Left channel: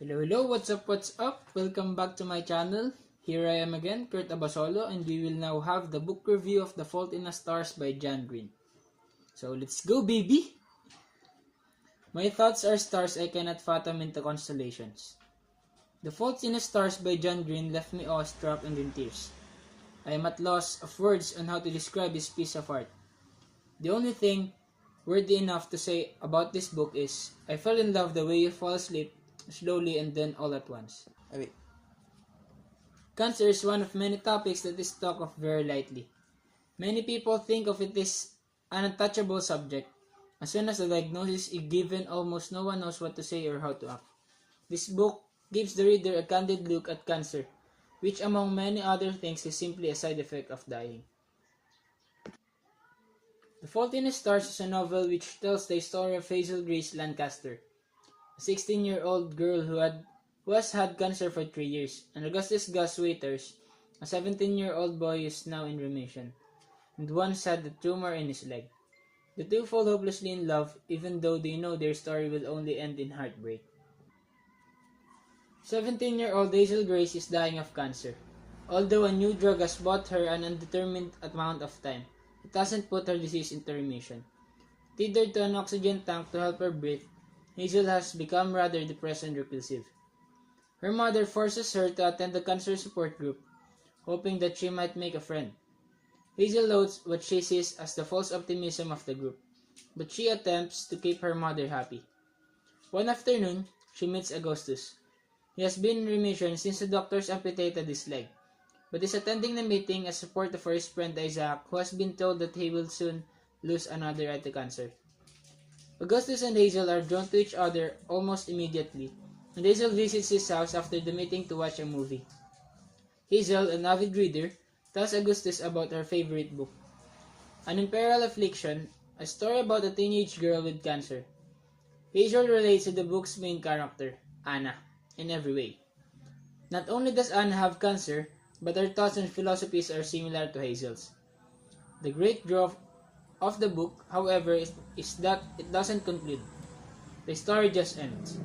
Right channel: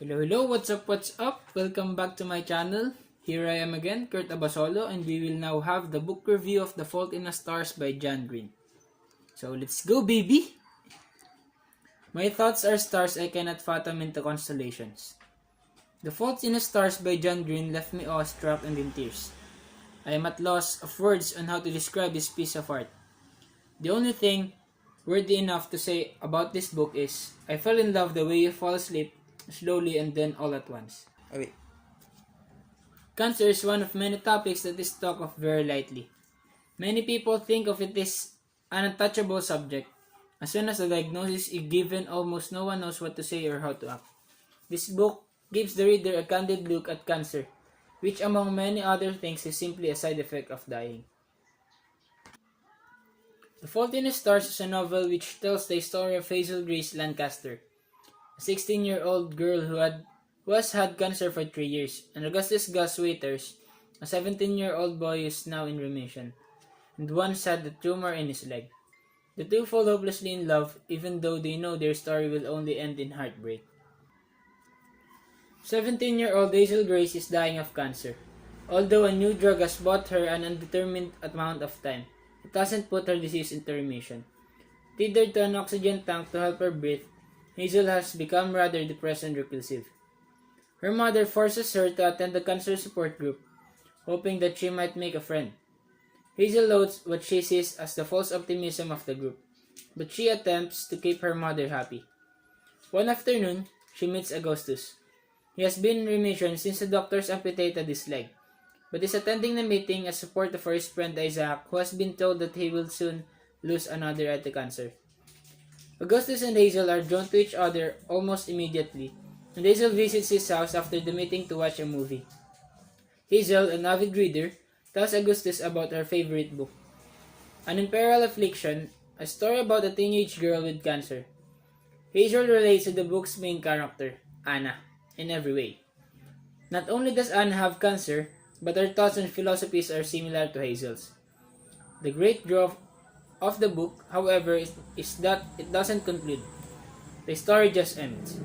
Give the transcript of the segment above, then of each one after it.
Hello, what's up? Welcome back to my channel. Here I am again, Kurt Abasolo, and we will now have the book review of The Fault in the Stars by John Green. So let's go, baby! My thoughts are stars I cannot fathom into constellations. The Fault in the Stars by John Green left me awestruck and in tears. I am at loss of words on how to describe this piece of art. The only thing worthy enough to say about this book is, I fell in love the way you fall asleep, slowly and then all at once. Cancer is one of many topics that is talked of very lightly. Many people think of it as an untouchable subject. As soon as a diagnosis is given, almost no one knows what to say or how to act. This book gives the reader a candid look at cancer, which among many other things is simply a side effect of dying. The Fault in the Stars is a novel which tells the story of Hazel Grace Lancaster, a 16-year-old girl who has had cancer for 3 years, and Augustus Gus Waiters, a 17-year-old boy who is now in remission, and once had a tumor in his leg. The two fall hopelessly in love, even though they know their story will only end in heartbreak. 17-year-old Hazel Grace is dying of cancer. Although a new drug has bought her an undetermined amount of time, it hasn't put her disease into remission. Tethered to an oxygen tank to help her breathe, Hazel has become rather depressed and repulsive. Her mother forces her to attend the cancer support group, hoping that she might make a friend. Hazel loathes what she sees as the false optimism of the group, but she attempts to keep her mother happy. One afternoon, she meets Augustus. He has been in remission since the doctors amputated his leg, but is attending the meeting as support for his friend Isaac, who has been told that he will soon lose another eye to cancer. Augustus and Hazel are drawn to each other almost immediately, and Hazel visits his house after the meeting to watch a movie. Hazel, an avid reader, tells Augustus about her favorite book, An Imperial Affliction, a story about a teenage girl with cancer. Hazel relates to the book's main character, Anna, in every way. Not only does Anna have cancer, but her thoughts and philosophies are similar to Hazel's. The great draw of the book, however, is that it doesn't conclude. The story just ends.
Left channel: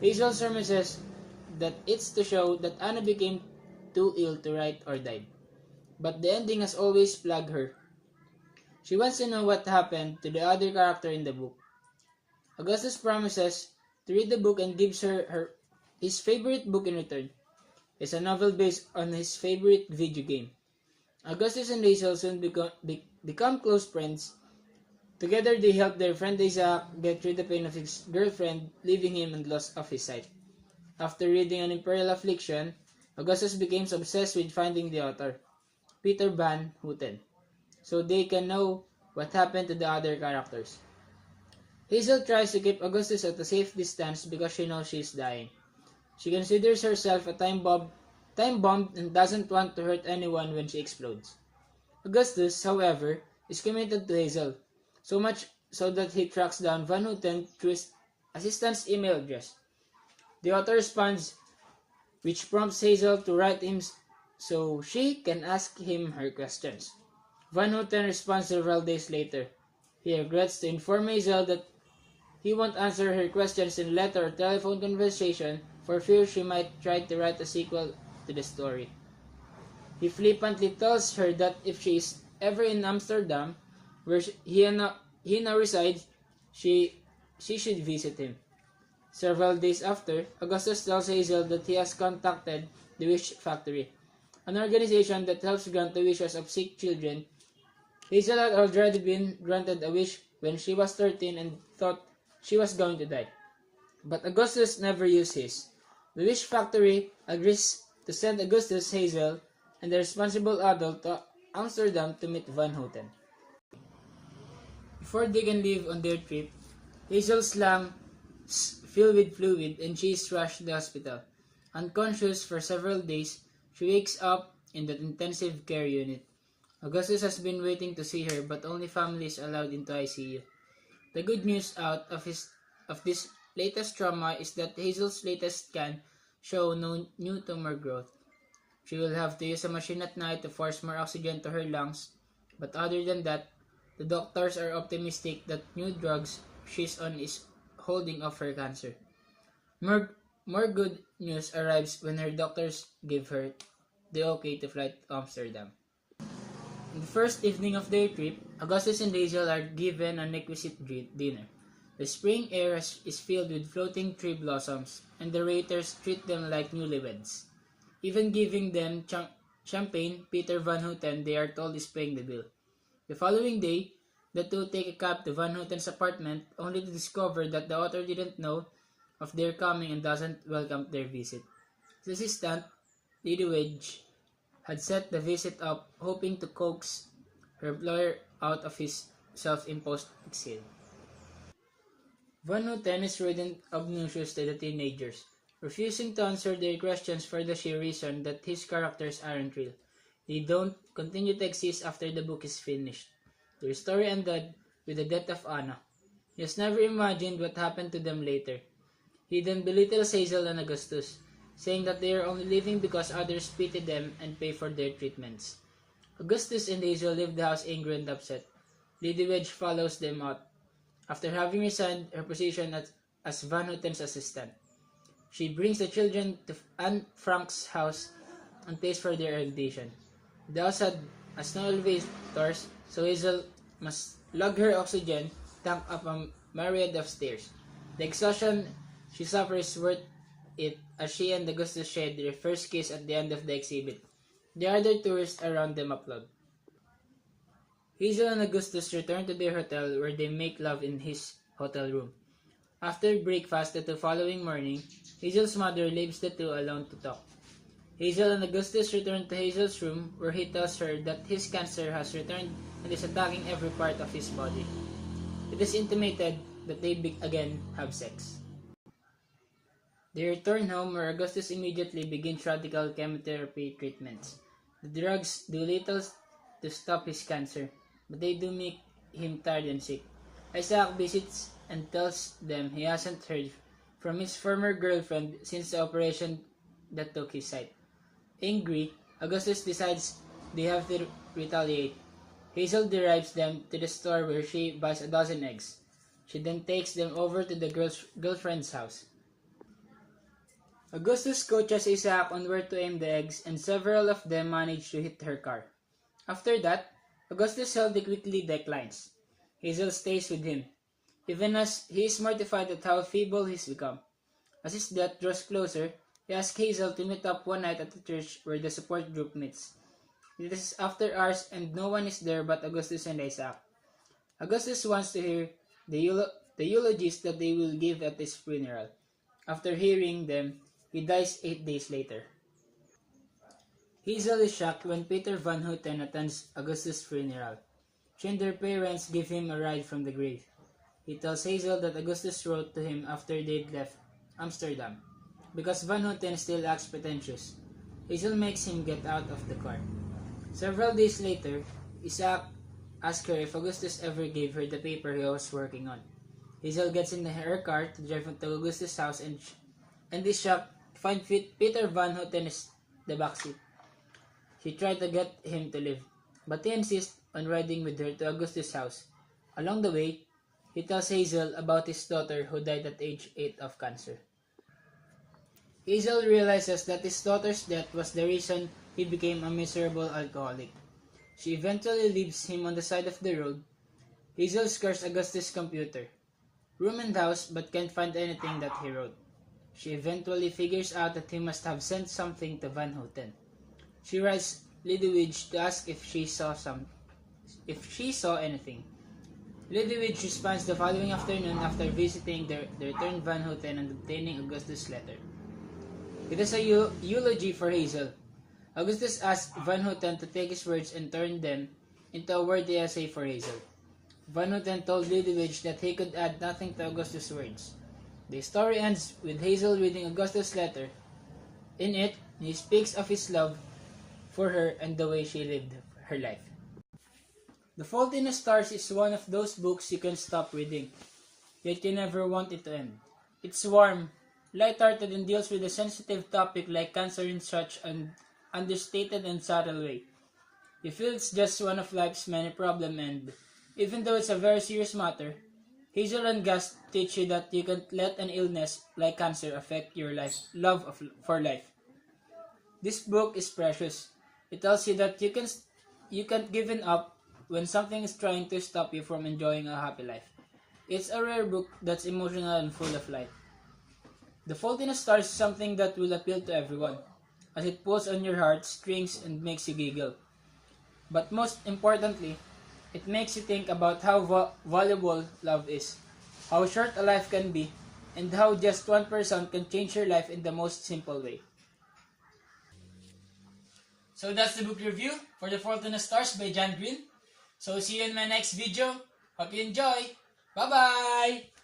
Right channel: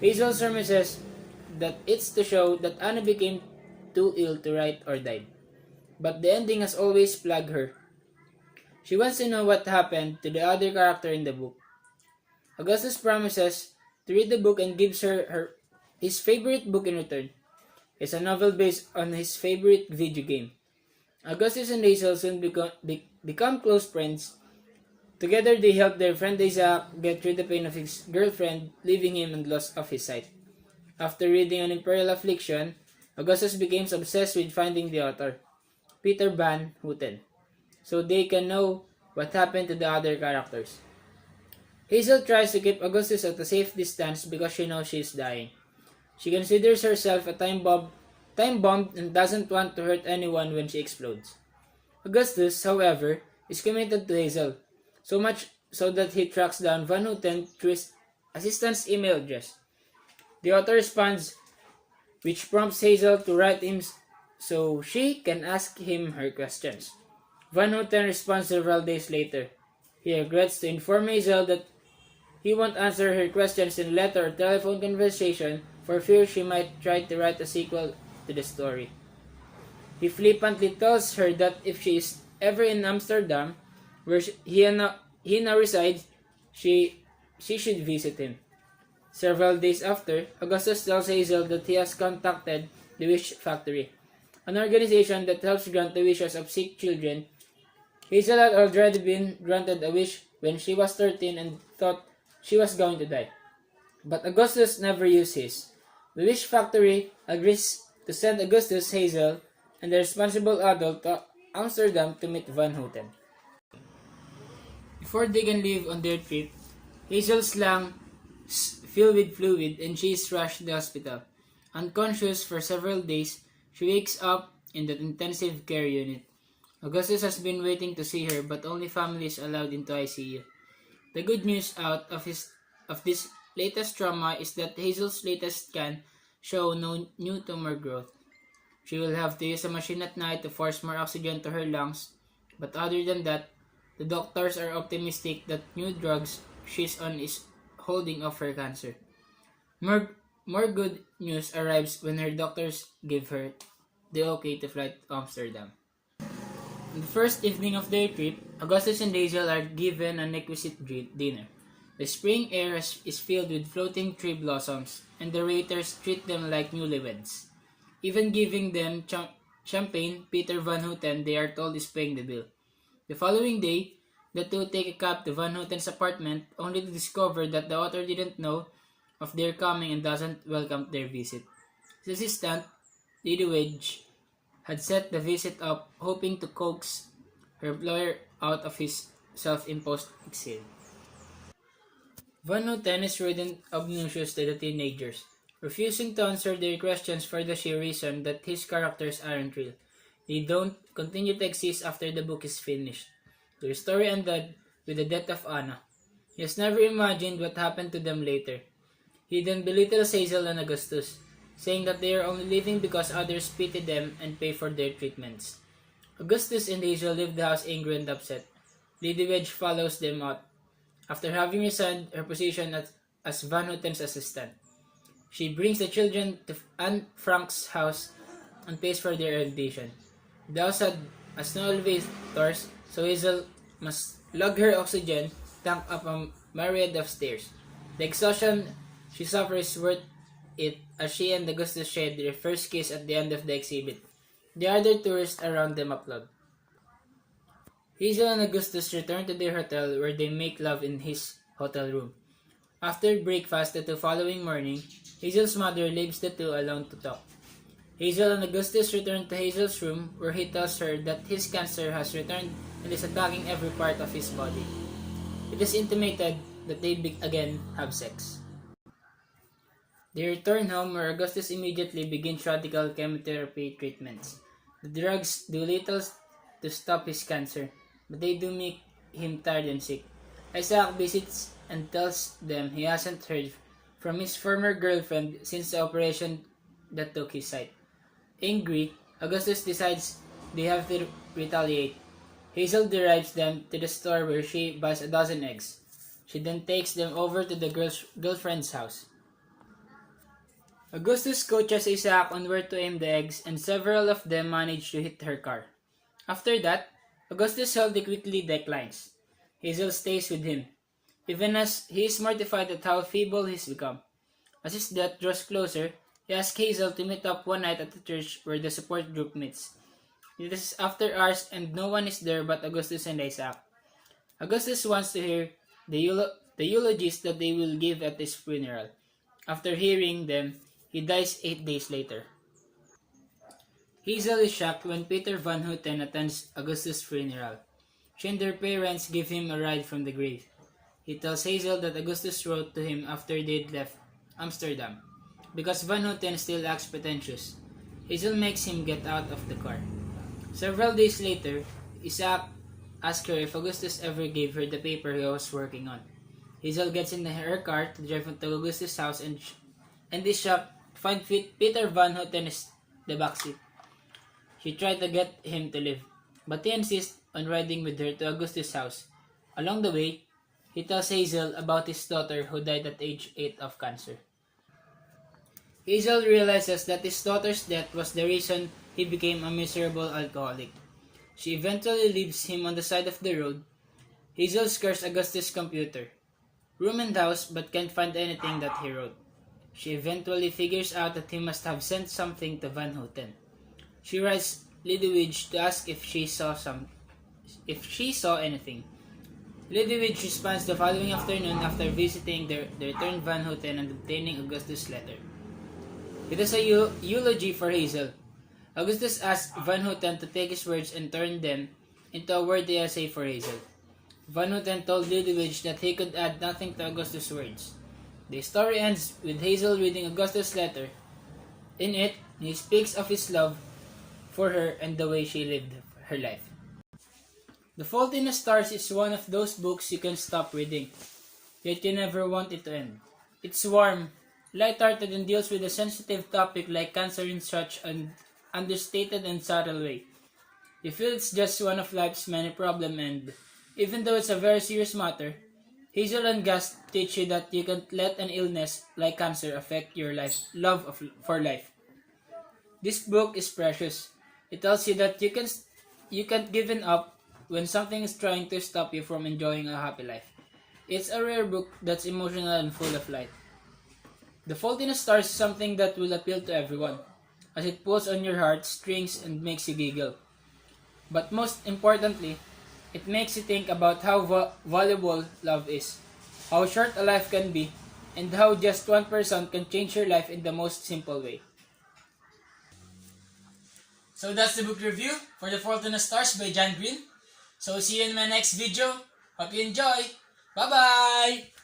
Hazel surmises that it's to show that Anna became too ill to write or died. But the ending has always plagued her. She wants to know what happened to the other character in the book. Augustus promises to read the book and gives her his favorite book in return. It's a novel based on his favorite video game. Augustus and Hazel soon become close friends. Together they help their friend Isaac get through the pain of his girlfriend leaving him and loss of his sight. After reading An Imperial Affliction, Augustus becomes obsessed with finding the author, Peter Van Houten, so they can know what happened to the other characters. Hazel tries to keep Augustus at a safe distance because she knows she is dying. She considers herself a time bomb and doesn't want to hurt anyone when she explodes. Augustus, however, is committed to Hazel, so much so that he tracks down Van Houten through his assistant's email address. The author responds, which prompts Hazel to write him so she can ask him her questions. Van Houten responds several days later. He regrets to inform Hazel that he won't answer her questions in letter or telephone conversation for fear she might try to write a sequel to the story. He flippantly tells her that if she is ever in Amsterdam, where he now resides, she should visit him. Several days after, Augustus tells Hazel that he has contacted the Wish Factory, an organization that helps grant the wishes of sick children. Hazel had already been granted a wish when she was 13 and thought she was going to die. But Augustus never used his. The Wish Factory agrees to send Augustus, Hazel, and the responsible adult to Amsterdam to meet Van Houten. Before they can leave on their trip, Hazel's lungs fill with fluid and she is rushed to the hospital. Unconscious for several days, she wakes up in the intensive care unit. Augustus has been waiting to see her, but only family is allowed into ICU. The good news out of this latest trauma is that Hazel's latest scan show no new tumor growth. She will have to use a machine at night to force more oxygen to her lungs, but other than that, the doctors are optimistic that new drugs she's on is holding off her cancer. More good news arrives when her doctors give her the okay to fly to Amsterdam. On the first evening of their trip, Augustus and Hazel are given an exquisite dinner. The spring air is filled with floating tree blossoms, and the waiters treat them like newlyweds. Even giving them champagne, Peter Van Houten, they are told, is paying the bill. The following day, the two take a cab to Van Houten's apartment, only to discover that the author didn't know of their coming and doesn't welcome their visit. His assistant, Lady Wedge, had set the visit up, hoping to coax her employer out of his self-imposed exile. Van Houten is rude and obnoxious to the teenagers, refusing to answer their questions for the sheer reason that his characters aren't real. They don't continue to exist after the book is finished. Their story ended with the death of Anna. He has never imagined what happened to them later. He then belittles Hazel and Augustus, saying that they are only living because others pity them and pay for their treatments. Augustus and Hazel leave the house angry and upset. Lady Wedge follows them out, after having resigned her position as Van Houten's assistant. She brings the children to Anne Frank's house and pays for their education. The house has no elevators, so Hazel must lug her oxygen tank up a myriad of stairs. The exhaustion she suffers is worth it, as she and Augustus share their first kiss at the end of the exhibit. The other tourists around them applaud. Hazel and Augustus return to their hotel, where they make love in his hotel room. After breakfast the following morning, Hazel's mother leaves the two alone to talk. Hazel and Augustus return to Hazel's room, where he tells her that his cancer has returned and is attacking every part of his body. It is intimated that they again have sex. They return home, where Augustus immediately begins radical chemotherapy treatments. The drugs do little to stop his cancer, but they do make him tired and sick. Isaac visits and tells them he hasn't heard from his former girlfriend since the operation that took his sight. Angry, Augustus decides they have to retaliate. Hazel drives them to the store, where she buys a dozen eggs. She then takes them over to the girlfriend's house. Augustus coaches Isaac on where to aim the eggs, and several of them manage to hit her car. After that, Augustus healthy quickly declines. Hazel stays with him, even as he is mortified at how feeble he's become. As his death draws closer, he asks Hazel to meet up one night at the church where the support group meets. It is after hours and no one is there but Augustus and Isaac. Augustus wants to hear the eulogies that they will give at his funeral. After hearing them, he dies 8 days later. Hazel is shocked when Peter Van Houten attends Augustus' funeral. She and her parents give him a ride from the grave. He tells Hazel that Augustus wrote to him after they'd left Amsterdam, because Van Houten still acts pretentious. Hazel makes him get out of the car. Several days later, Isaac asks her if Augustus ever gave her the paper he was working on. Hazel gets in her car to drive to Augustus' house and is shocked to find Peter Van Houten in the backseat. She tried to get him to leave, but he insists on riding with her to Augustus' house. Along the way, he tells Hazel about his daughter who died at age 8 of cancer. Hazel realizes that his daughter's death was the reason he became a miserable alcoholic. She eventually leaves him on the side of the road. Hazel scours Augustus' computer, room and house, but can't find anything that he wrote. She eventually figures out that he must have sent something to Van Houten. She writes Lady Wedge to ask if she saw anything. Lady Wedge responds the following afternoon after visiting the returned Van Houten and obtaining Augustus' letter. It is a eulogy for Hazel. Augustus asks Van Houten to take his words and turn them into a worthy essay for Hazel. Van Houten told Lady Wedge that he could add nothing to Augustus' words. The story ends with Hazel reading Augustus' letter. In it, he speaks of his love for her and the way she lived her life. The Fault in the Stars is one of those books you can stop reading, yet you never want it to end. It's warm, light-hearted, and deals with a sensitive topic like cancer in such an understated and subtle way. You feel it's just one of life's many problems, and even though it's a very serious matter, Hazel and Gus teach you that you can't let an illness like cancer affect your for life. This book is precious. It tells you that you can't give up when something is trying to stop you from enjoying a happy life. It's a rare book that's emotional and full of light. The Fault in the Stars is something that will appeal to everyone, as it pulls on your heartstrings and makes you giggle. But most importantly, it makes you think about how valuable love is, how short a life can be, and how just one person can change your life in the most simple way. So that's the book review for The Fault in the Stars by John Green. So see you in my next video. Hope you enjoy. Bye-bye!